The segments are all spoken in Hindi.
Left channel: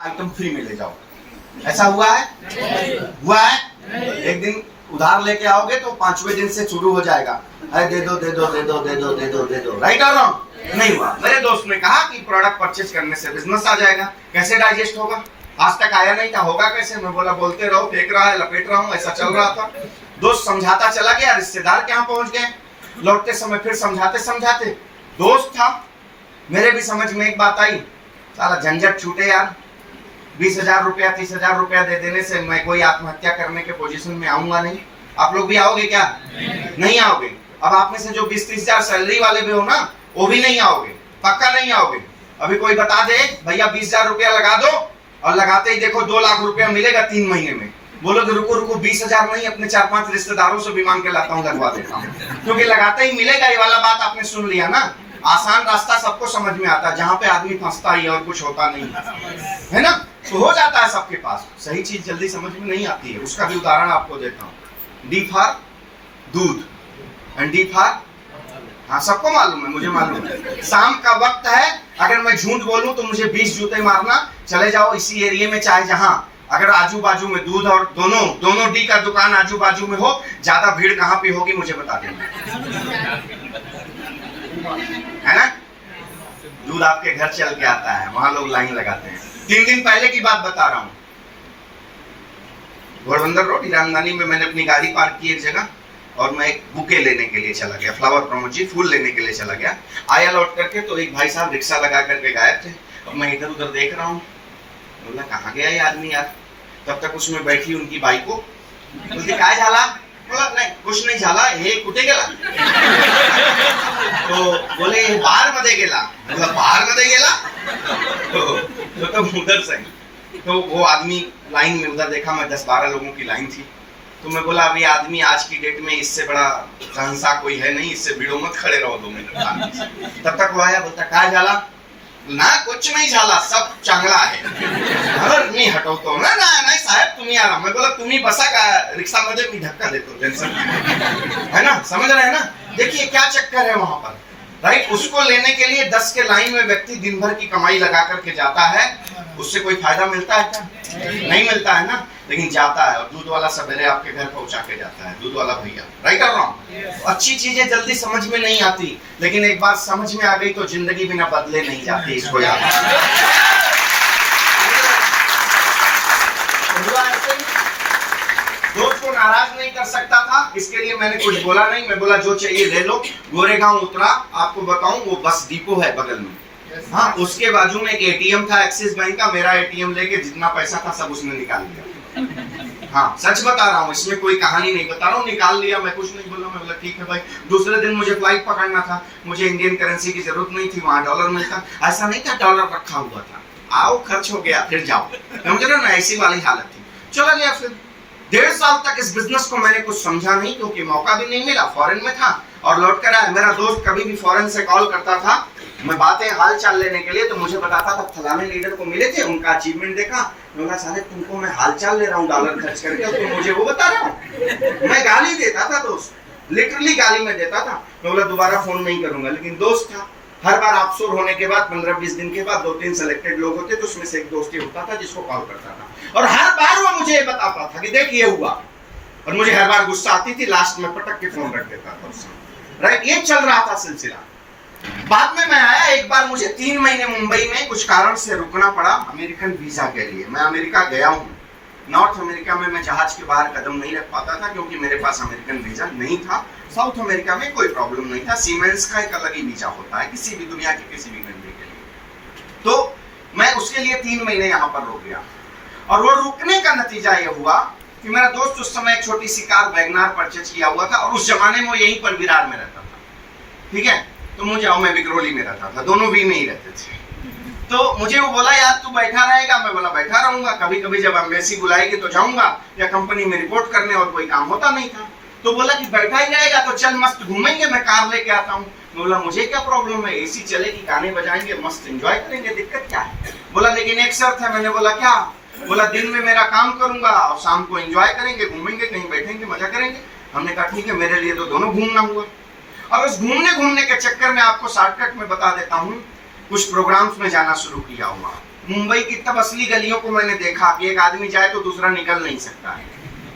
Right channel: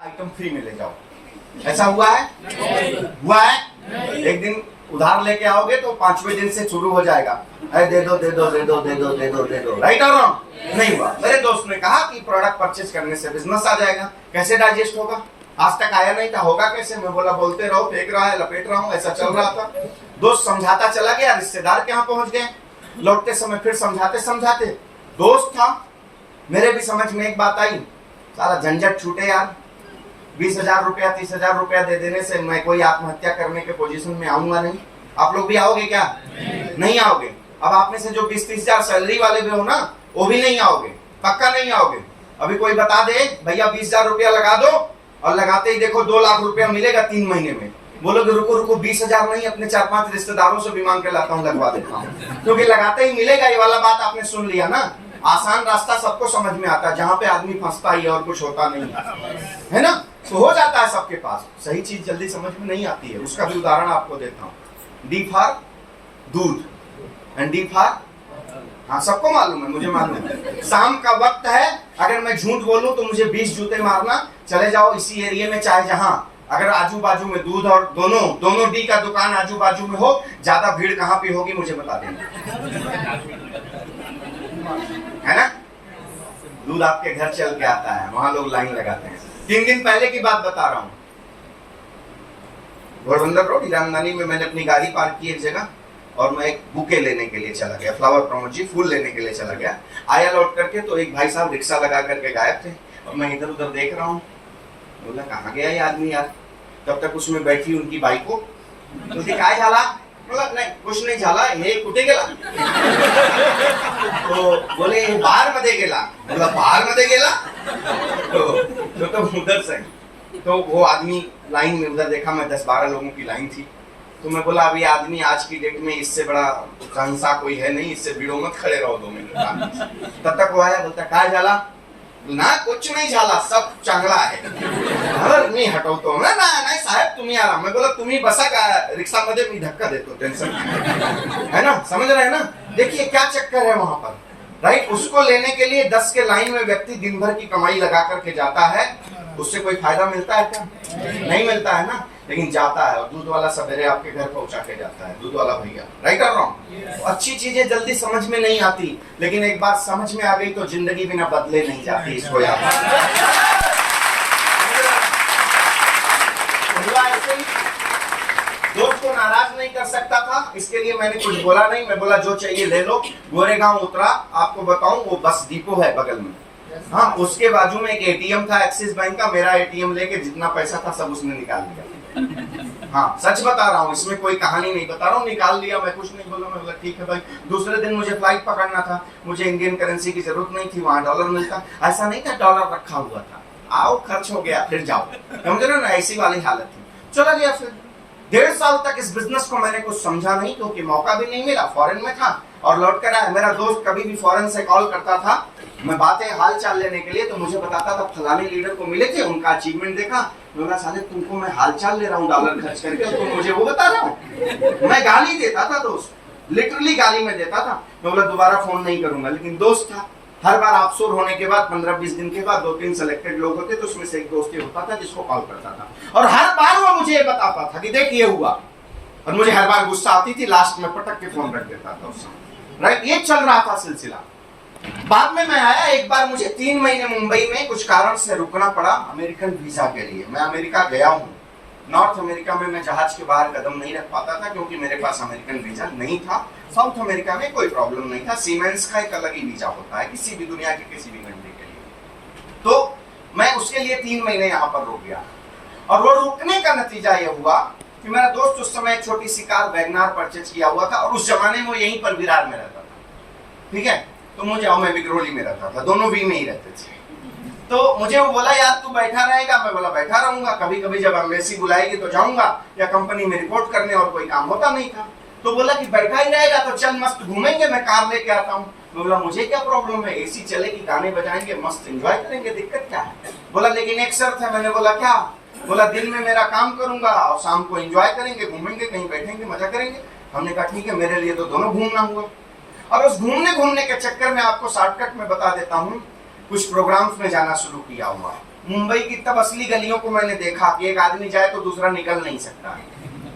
आइटम फ्री में ले जाओ। ऐसा हुआ है? हुआ है? एक दिन उधार लेके आओगे तो 5वें दिन से शुरू हो जाएगा, अरे दे दो दे दो दे दो दे दो दे दो दे दो। राइट और रॉन्ग? नहीं हुआ। मेरे दोस्त ने कहा कि प्रोडक्ट परचेज करने से बिजनेस आ जाएगा। कैसे डाइजेस्ट होगा? आज तक आया नहीं था, होगा कैसे? मैं बोला बोलते रहो, फेंक रहा है, लपेट रहा हूँ, ऐसा चल रहा था। दोस्त समझाता चला गया, रिश्तेदार के यहाँ पहुंच गए, लौटते समय फिर समझाते समझाते दोस्त था, मेरे भी समझ में एक बात आई, सारा झंझट छूटे यार। 20,000 रुपया 30,000 रुपया दे देने से मैं कोई आत्महत्या करने के पोजीशन में आऊंगा नहीं। आप लोग भी आओगे क्या? नहीं आओगे। अब आप में से जो 20-30,000 सैलरी वाले भी हो ना, वो भी नहीं आओगे, पक्का नहीं आओगे। अभी कोई बता दे भैया 20,000 रुपया लगा दो, और लगाते ही देखो 2 लाख रुपया मिलेगा 3 महीने में, बोलोगे रुको रुको 20,000 नहीं, अपने 4-5 रिश्तेदारों से भी मांग के लाता हूँ, लगवा देता हूँ, क्योंकि लगाते ही मिलेगा। ये वाला बात आपने सुन लिया ना। आसान रास्ता सबको समझ में आता है, जहाँ पे आदमी फंसता ही और कुछ होता नहीं है ना, तो हो जाता है सबके पास। सही चीज जल्दी समझ में नहीं आती है। उसका भी उदाहरण आपको देता हूँ। डी फॉर दूध एंड डी फॉर, हाँ सबको मालूम है, मुझे मालूम है। शाम का वक्त है, अगर मैं झूठ बोलूं तो मुझे 20 जूते मारना। चले जाओ इसी एरिया में, चाहे जहां, अगर आजू बाजू में दूध और दोनों डी का दुकान आजू बाजू में हो, ज्यादा भीड़ कहाँ पे होगी मुझे बता देना, है ना। दूध आपके घर चल के आता है, वहां लोग लाइन लगाते हैं। 3 दिन पहले की बात बता रहा हूँ, घोड़बंदर रोड ईरानदानी में मैंने अपनी गाड़ी पार्क की एक जगह, और मैं एक बुके लेने के लिए चला गया, फ्लावर प्रोमोजी, फूल लेने के लिए चला गया। आया लौट करके तो एक भाई साहब रिक्शा लगा करके गायब थे, और मैं इधर उधर देख रहा हूँ। बोला कहाँ गया ये आदमी यार? तब तक उसमें बैठी उनकी बाइक को, बोलती काय झाला? बोला नहीं कुछ नहीं झाला, हे कुठे गेला? तो बोले बाहर मध्ये गेला। बोला बाहर मध्ये गेला? तो उधर से, तो वो आदमी लाइन में, उधर देखा मैं 10-12 लोगों की लाइन थी, तो मैं बोला अभी आदमी आज की डेट में इससे बड़ा संसा कोई है नहीं, इससे भिड़ो मत, खड़े रहो 2 मिनट। तब तक वो आया, बोलता काय झाला? ना कुछ नहीं झाला, सब चांगला आहे। अरे मी हटवतो ना, नाही साहेब तुम्ही आराम। मैं बोला तुम्ही बसा का रिक्शा मध्ये, मी धक्का देतो, टेंशन है ना, समझ रहे हैं ना। देखिए क्या चक्कर है वहां पर, राइट। उसको लेने के लिए 10 के लाइन में व्यक्ति दिन भर की कमाई लगा करके जाता है, उससे कोई फायदा मिलता है क्या? नहीं मिलता है ना, लेकिन जाता है। और दूध वाला सवेरे आपके घर पहुंचा के जाता है, दूध वाला भैया। राइट और रॉन्ग? तो अच्छी चीजें जल्दी समझ में नहीं आती, लेकिन एक बार समझ में आ गई तो जिंदगी बिना बदले नहीं जाती। इसको याद दोस्त को नाराज नहीं कर सकता था, इसके लिए मैंने कुछ बोला नहीं। मैं बोला जो चाहिए ले लो। गोरेगांव उतरा, आपको बताऊं वो बस डिपो है बगल में, हाँ उसके बाजू में एक एटीएम था एक्सिस बैंक का। मेरा एटीएम लेके जितना पैसा था सब उसने निकाल लिया। हाँ सच बता रहा हूँ, इसमें कोई कहानी नहीं बता रहा हूँ, निकाल लिया। मैं कुछ नहीं बोला, मैं बोला ठीक है भाई। दूसरे दिन मुझे फ्लाइट पकड़ना था, मुझे इंडियन करेंसी की जरूरत नहीं थी, वहां डॉलर मिलता। ऐसा नहीं था डॉलर रखा हुआ था, आओ खर्च हो गया फिर जाओ, समझ रहे हो ना, ऐसी वाली हालत थी। चला गया। फिर 1.5 साल तक इस बिजनेस को मैंने कुछ समझा नहीं, क्योंकि मौका भी नहीं मिला, फॉरेन में था और लौट कर आया। मेरा दोस्त कभी भी फॉरेन से कॉल करता था, मैं बातें हाल चाल लेने के लिए, तो मुझे बताता था फलाने लीडर को मिले थे, उनका अचीवमेंट देखा। मैं बोला साले तुमको मैं हाल चाल ले रहा हूँ डॉलर खर्च करके, और तुम मुझे वो बता रहा हूँ। मैं गाली देता था दोस्त, लिटरली गाली में देता था। मैं बोला दोबारा फोन नहीं करूंगा, लेकिन दोस्त था। हर बार ऑफशोर होने के बाद 15-20 दिन के बाद 2-3 सिलेक्टेड लोग होते, तो उसमें से एक दोस्त ही होता था जिसको कॉल करता था, और हर बार वो मुझे ये बताता था कि देख ये हुआ, और मुझे हर बार गुस्सा आती थी, लास्ट में पटक के फोन रख देता था उसमें। राइट, ये चल रहा था सिलसिला। बाद में मैं आया, एक बार मुझे 3 महीने मुंबई में कुछ कारण से रुकना पड़ा अमेरिकन वीजा के लिए। मैं अमेरिका गया हूँ। नॉर्थ अमेरिका में मैं जहाज के बाहर कदम नहीं रख पाता था, क्योंकि मेरे पास अमेरिकन वीजा नहीं था। साउथ अमेरिका में कोई प्रॉब्लम नहीं था, सीमेंस का एक अलग ही वीजा होता है किसी भी दुनिया के किसी भी कंट्री के लिए। तो मैं उसके लिए 3 महीने यहाँ पर रुक गया, और वो रुकने का नतीजा ये हुआ कि मेरा दोस्त उस समय एक छोटी सी कार वैगनार परचेज किया हुआ था, और उस जमाने में वो यहीं पर विरार में रहता था, ठीक है। तो मुझे, मैं विक्रोली में रहता था, दोनों वी में ही रहते थे। तो मुझे वो बोला यार तू बैठा रहेगा? मैं बोला बैठा रहूंगा, कभी कभी जब एम्बेसी बुलाएगी तो जाऊंगा, या कंपनी में रिपोर्ट करने, और कोई काम होता नहीं था। तो बोला कि बैठा ही रहेगा तो चल मस्त घूमेंगे, मैं कार लेके आता हूँ। मैं बोला मुझे क्या प्रॉब्लम है, एसी चलेगी, गाने बजाएंगे, मस्त एंजॉय करेंगे, दिक्कत क्या है? बोला लेकिन एक शर्त है। मैंने बोला क्या? बोला दिन में मेरा काम करूंगा और शाम को एंजॉय करेंगे, घूमेंगे, कहीं बैठेंगे, मजा करेंगे। हमने कहा ठीक है, मेरे लिए तो दोनों घूमना हुआ। और उस घूमने के चक्कर में आपको शॉर्टकट में बता देता हूँ, कुछ प्रोग्राम्स में जाना शुरू किया हुआ। मुंबई की तब असली गलियों को मैंने देखा कि एक आदमी जाए तो दूसरा निकल नहीं सकता है।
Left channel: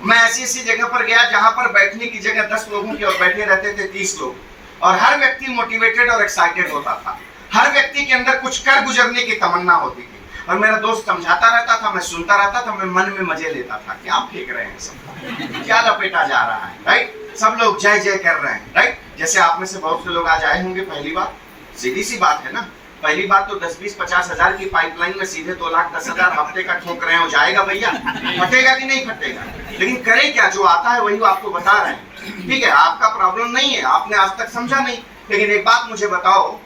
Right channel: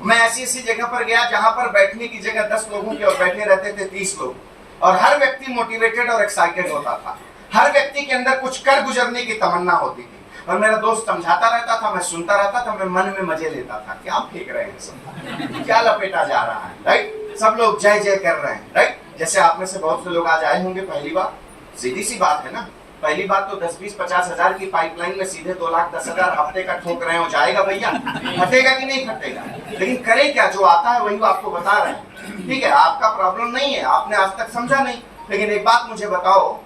मैं ऐसी ऐसी जगह पर गया जहां पर बैठने की जगह 10 लोगों की और बैठे रहते थे 30 लोग, और हर व्यक्ति मोटिवेटेड और एक्साइटेड होता था। हर व्यक्ति के अंदर कुछ कर गुजरने की तमन्ना होती थी। और मेरा दोस्त समझाता रहता था, मैं सुनता रहता था, मैं मन में मजे लेता था। क्या फेंक रहे हैं सब, क्या लपेटा जा रहा है, राइट? सब लोग जय जय कर रहे हैं, राइट? जैसे आप में से बहुत से लोग आज आए होंगे पहली बार। सीधी सी बात है ना, पहली बात तो 10-20-50 हजार की पाइपलाइन में सीधे 2,10,000 हफ्ते का ठोक रहे हो, जाएगा भैया? फटेगा कि नहीं फटेगा? लेकिन करें क्या, जो आता है वही आपको बता रहे हैं, ठीक है? आपका प्रॉब्लम नहीं है, आपने आज तक समझा नहीं। लेकिन एक बात मुझे बताओ,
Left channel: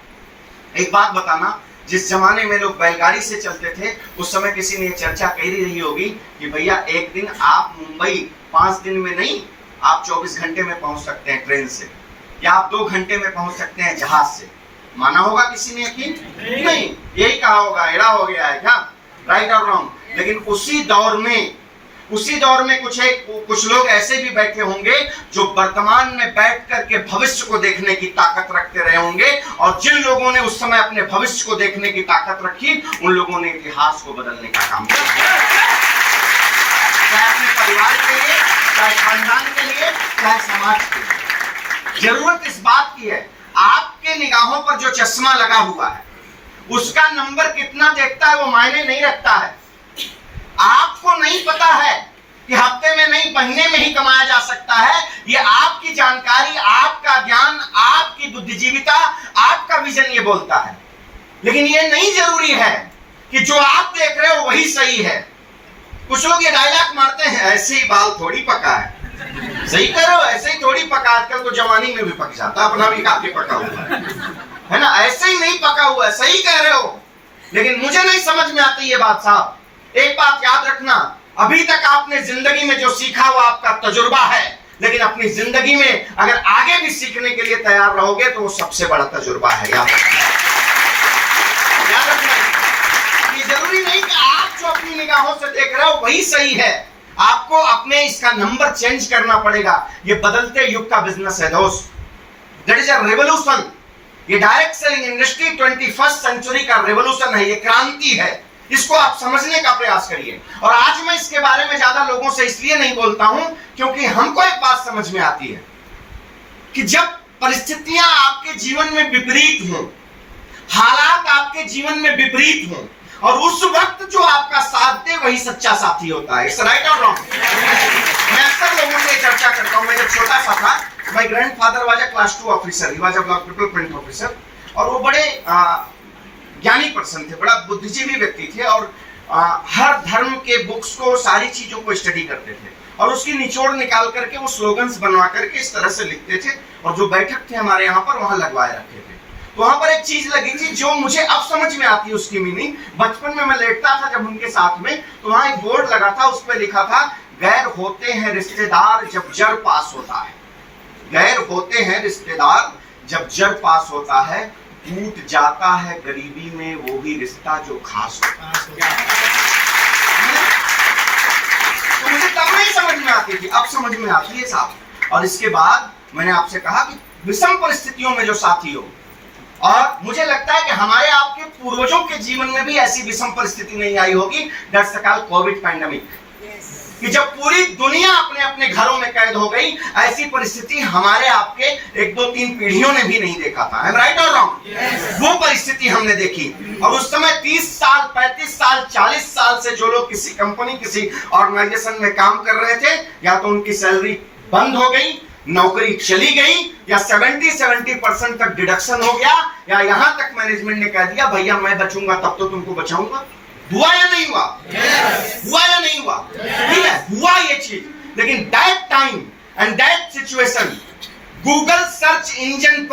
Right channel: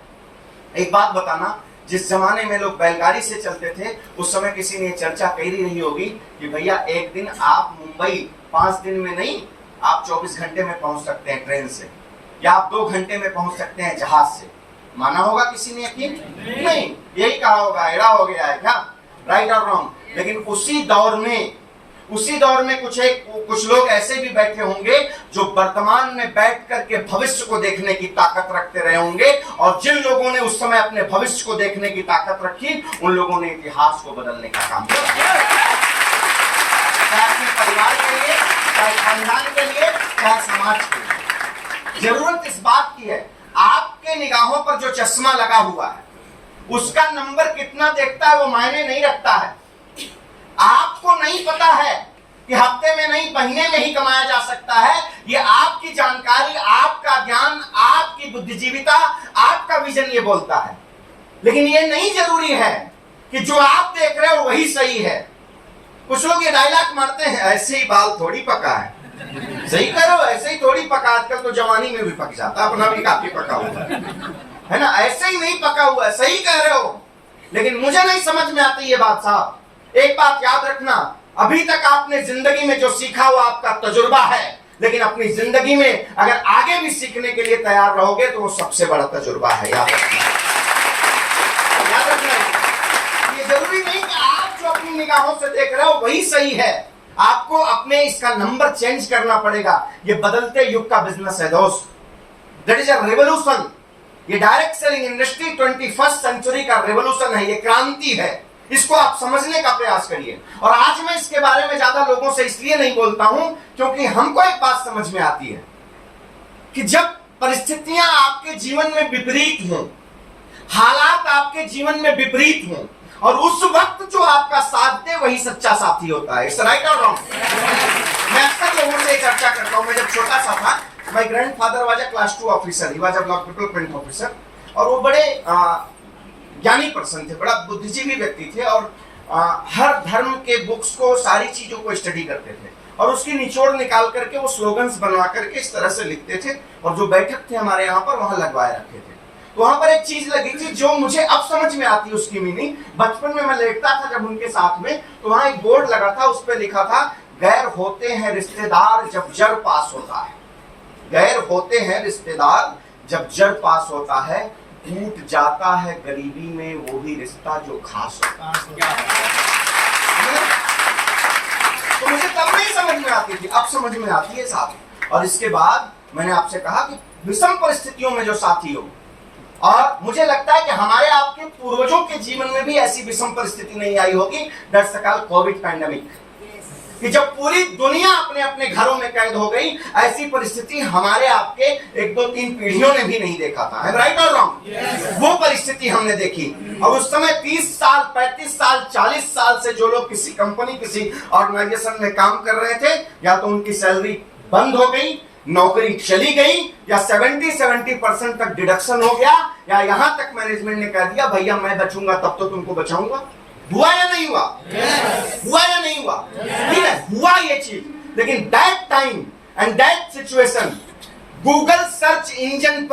एक बात बताना, जिस जमाने में लोग बैलगाड़ी से चलते थे उस समय किसी ने चर्चा कही रही होगी कि भैया एक दिन आप मुंबई 5 दिन में नहीं, आप 24 घंटे में पहुंच सकते हैं ट्रेन से, या आप 2 घंटे में पहुंच सकते हैं जहाज से। माना होगा किसी ने यकीन? नहीं, यही कहा होगा, एड़ा हो गया है क्या, राइट और रॉन्ग? लेकिन उसी दौर में कुछ लोग ऐसे भी बैठे होंगे जो वर्तमान में बैठ करके भविष्य को देखने की ताकत रखते रहे होंगे, और जिन लोगों ने उस समय अपने भविष्य को देखने की ताकत रखी, उन लोगों ने इतिहास को बदलने का काम किया, चाहे अपने परिवार के लिए, चाहे खानदान के लिए, चाहे समाज के लिए। जरूरत इस बात की है, आपके निगाहों पर जो चश्मा लगा हुआ है उसका नंबर कितना देखता है वो मायने नहीं रखता है। आपको नहीं पता है कि हफ्ते में नहीं, महीने में ही कमाया जा सकता है। ये आपकी जानकारी, आपका ज्ञान, आपकी बुद्धिजीविता, आपका विजन ये बोलता है। लेकिन ये नहीं जरूरी है कि जो आप देख रहे हो वही सही है। कुछ लोग ये डायलॉग मारते हैं, ऐसे ही बाल थोड़ी पका है, सही करो, ऐसे ही थोड़ी पका। आजकल तो जवानी में भी पक जाता, अपना भी काफी पका हुआ है ना, ऐसे ही नहीं पका हुआ है, सही कह रहे हो। लेकिन मुझे नहीं समझ में आती ये बात साहब। एक बात याद रखना, अभी तक आपने जिंदगी में जो सीखा वो आपका तजुर्बा है, लेकिन अपनी जिंदगी में अगर आगे भी सीखने के लिए तैयार रहोगे तो वो सबसे बड़ा तजुर्बा है। याद रखना, याद रखना। ये जरूरी नहीं कि आप जो अपनी निगाहों से देख रहे हो वही सही है। आपको अपने इसका नंबर चेंज करना पड़ेगा। ये बदलते युग का बिजनेस है दोस्त, दैट इज अ रेवोल्यूशन। ये direct selling industry 21st century का रेवोल्यूशन है, ये क्रांति है। इसको आप समझने का प्रयास करिए। और आज मैं इसके बारे में ज्यादा लोगों से इसलिए नहीं बोलता हूं क्योंकि हमको एक बात समझ में आती है कि जब परिस्थितियां आपके जीवन में विपरीत हों, हालात आपके जीवन में विपरीत हों, और उस वक्त जो आपका साथ दे वही सच्चा साथी होता है। इट्स राइट और रॉन्ग? मैं अक्सर लोगों से चर्चा करता हूं। मैं जब छोटा सा था, my grandfather was a class 2 officer, he was a block development officer, और वो बड़े ज्ञानी पर्सन थे, बड़ा बुद्धिजीवी व्यक्ति थे, और हर धर्म के बुक्स को, सारी चीजों को स्टडी करते थे, और उसकी निचोड़ निकाल करके वो स्लोगन्स बनवा करके इस तरह से लिखते थे, और जो बैठक थे हमारे यहाँ पर वहां लगवाए रखे थे। तो वहां पर एक चीज लगी थी जो मुझे अब समझ में आती है उसकी मीनिंग। बचपन में मैं लेटता था जब उनके साथ में, तो वहां एक बोर्ड लगा था, उस पर लिखा था, गैर होते हैं रिश्तेदार जब जड़ पास होता है। गैर होते हैं रिश्तेदार जब जड़ पास होता है, टूट जाता है गरीबी में वो भी रिश्ता जो खास होता है। तो मुझे तब नहीं समझ में आती थी, अब समझ में आती है साहब। और इसके बाद मैंने आपसे कहा कि विषम परिस्थितियों में जो साथी हो, और मुझे लगता है कि हमारे आपके पूर्वजों के जीवन में भी ऐसी विषम परिस्थिति नहीं आई होगी। That's the called Covid pandemic, कि जब पूरी दुनिया अपने अपने घरों में कैद हो गई, ऐसी परिस्थिति हमारे आपके 1-2-3 पीढ़ियों ने भी नहीं देखा था। है राइट और रॉन्ग? वो परिस्थिति हमने देखी। और उस समय 30 साल, 35 साल, 40 साल से जो लोग किसी कंपनी, किसी ऑर्गेनाइजेशन में काम कर रहे थे, या तो उनकी सैलरी बंद हो गई, नौकरी चली गई, या 70% तक डिडक्शन हो गया, या यहां तक मैनेजमेंट ने कह दिया भैया मैं बचूंगा तब तो तुमको बचाऊंगा। हुआ या नहीं हुआ? हुआ या नहीं हुआ? ठीक है, हुआ ये चीज। लेकिन that time and that situation, Google search engine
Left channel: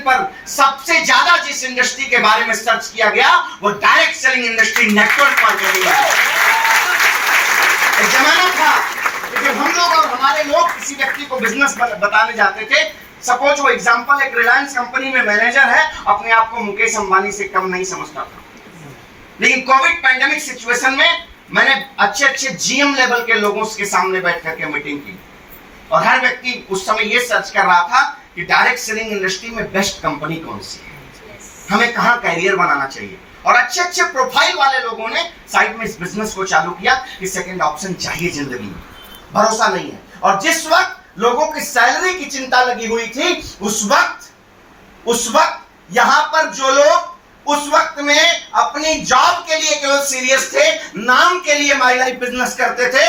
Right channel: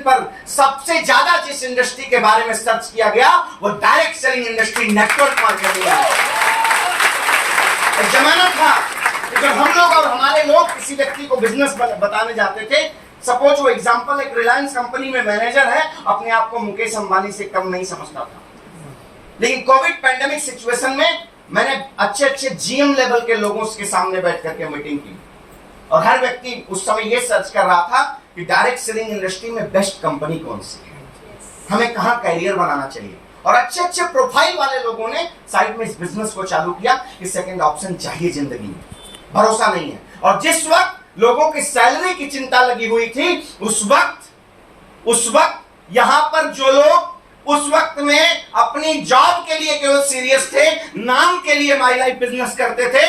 पर सबसे ज्यादा जिस इंडस्ट्री के बारे में सर्च किया गया वो direct selling industry, network marketing. जमाना था जब हम लोग और हमारे लोग किसी व्यक्ति को बिजनेस बताने जाते थे। सपोज वो एग्जांपल, एक रिलायंस कंपनी में मैनेजर है, अपने आप को मुकेश अंबानी से कम नहीं समझता था। लेकिन कोविड पैंडेमिक सिचुएशन में मैंने अच्छे जीएम लेवल के लोगों के सामने बैठ करके मीटिंग की, और हर व्यक्ति उस समय ये सर्च कर रहा था कि डायरेक्ट सेलिंग इंडस्ट्री में बेस्ट कंपनी कौन सी है। हमें कहाँ कैरियर बनाना चाहिए। और अच्छे अच्छे प्रोफाइल वाले लोगों ने साइड में इस बिजनेस को चालू किया कि सेकंड ऑप्शन चाहिए जिंदगी में, भरोसा नहीं है। और जिस वक्त लोगों की सैलरी की चिंता लगी हुई थी, उस वक्त यहां पर जो लोग उस वक्त में अपनी जॉब के लिए केवल सीरियस थे, नाम के लिए माई लाइफ बिजनेस करते थे,